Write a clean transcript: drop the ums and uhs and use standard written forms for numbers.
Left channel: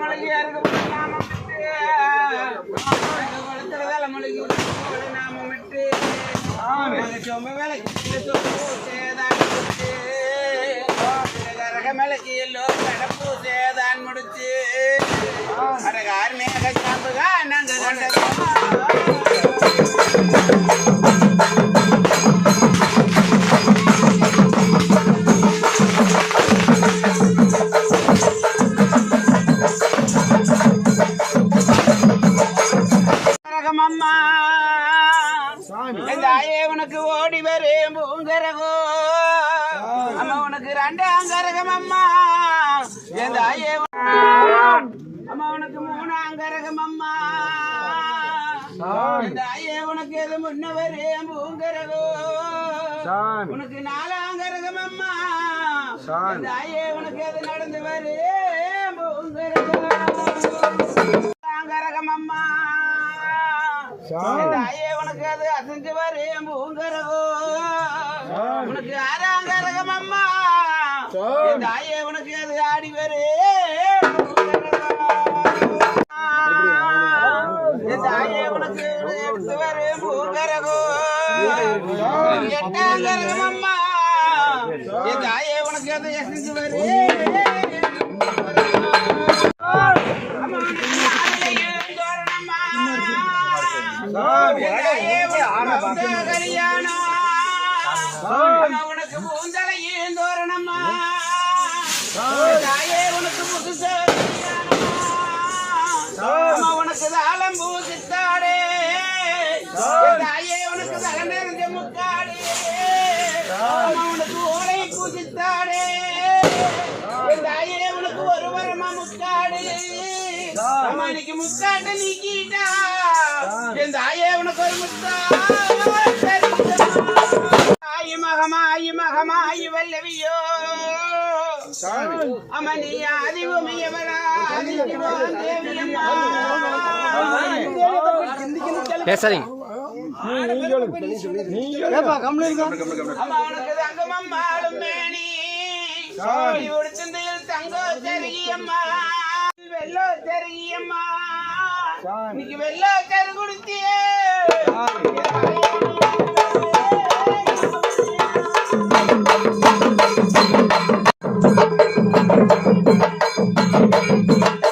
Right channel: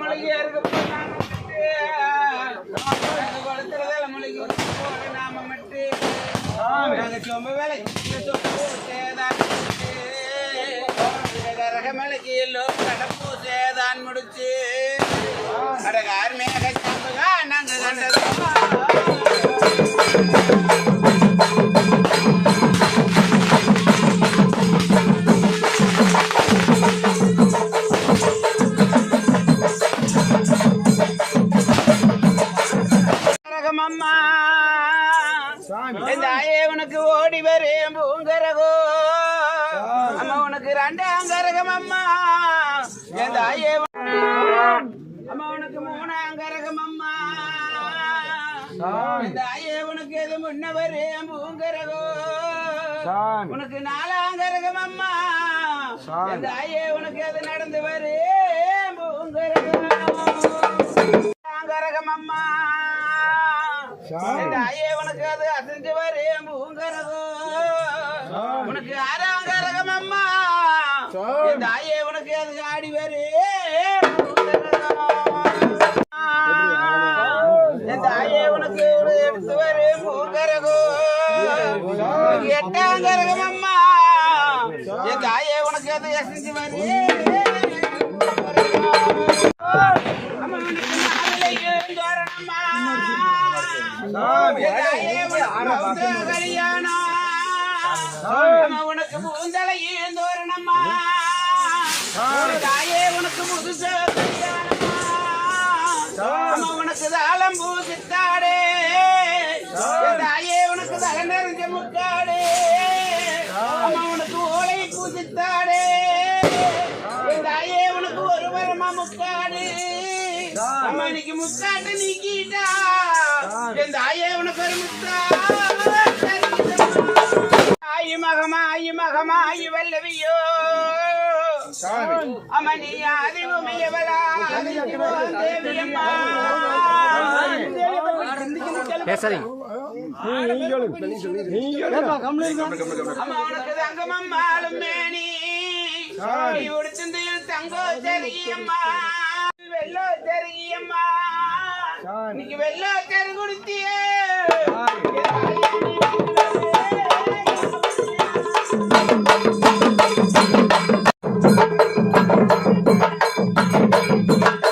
தலைமொழிக்கு ஏறுக்கு தலைமொழிக்கு நாமமிட்டு சொம்பு வேலைக்கு மேலைக்கு எல்லோ கடப்பு சேதான் முடிச்சு அட கார்மேக சாம்புகா நாங்க அம்மா தாயே உனக்கு ஓடி வரேன் பூங்கரகோ அம்மா உனக்கு ரெண்டாங்கரகம் அம்மா என் தாயே அம்மா உனக்கு மூணாங்கரகம் அம்மா என் தாயே உனக்கு எது முன்ன வரேன் பூங்கரகோ உனக்கு நாலாங்கரகம் அம்மா என் தாயே உனக்கு எது நடந்து வரேன் பூங்கரகம் அம்மா தாயே உனக்கு அது அசைஞ்சு வரேன் பூங்கரகோ உனக்கு ஆறாங்கரகம் அம்மா தாயே உனக்கு அது ஆடி வரேன் தாயே உனக்கு எடுத்து வரேன் பூங்கரகோ எட்டாங்கரகம் அம்மா என் தாயே உனக்கு அது அசைஞ்சு வரேன் உனக்கு பூந்தலையும் தோரணம்மா தாயே உனக்கு புதுசா உனக்கு தாளம் பூசித்தாடே தாயே உனக்கு தலை நிறைஞ்ச முக்காடே உனக்கு ஓலை பூசித்தாடே தாயே உனக்கு ஒரு வரமா முக்காடு இன்னைக்கு முக்காட்டு நீக்கிட்டா என் தாயே உனக்கு ஒரு முத்தா ஆயி மகமாயி வல்லவியோ அமனி ஆதி உமையவளா தேவியம்மா உனக்கு தங்கமம்மாளும் மேனி உடுத்தில் தங்கோ தெரியம்மா வெள்ளோ தெரியம்மா இன்னைக்கு வெள்ளோ தெரு குடுத்தியே Thank you.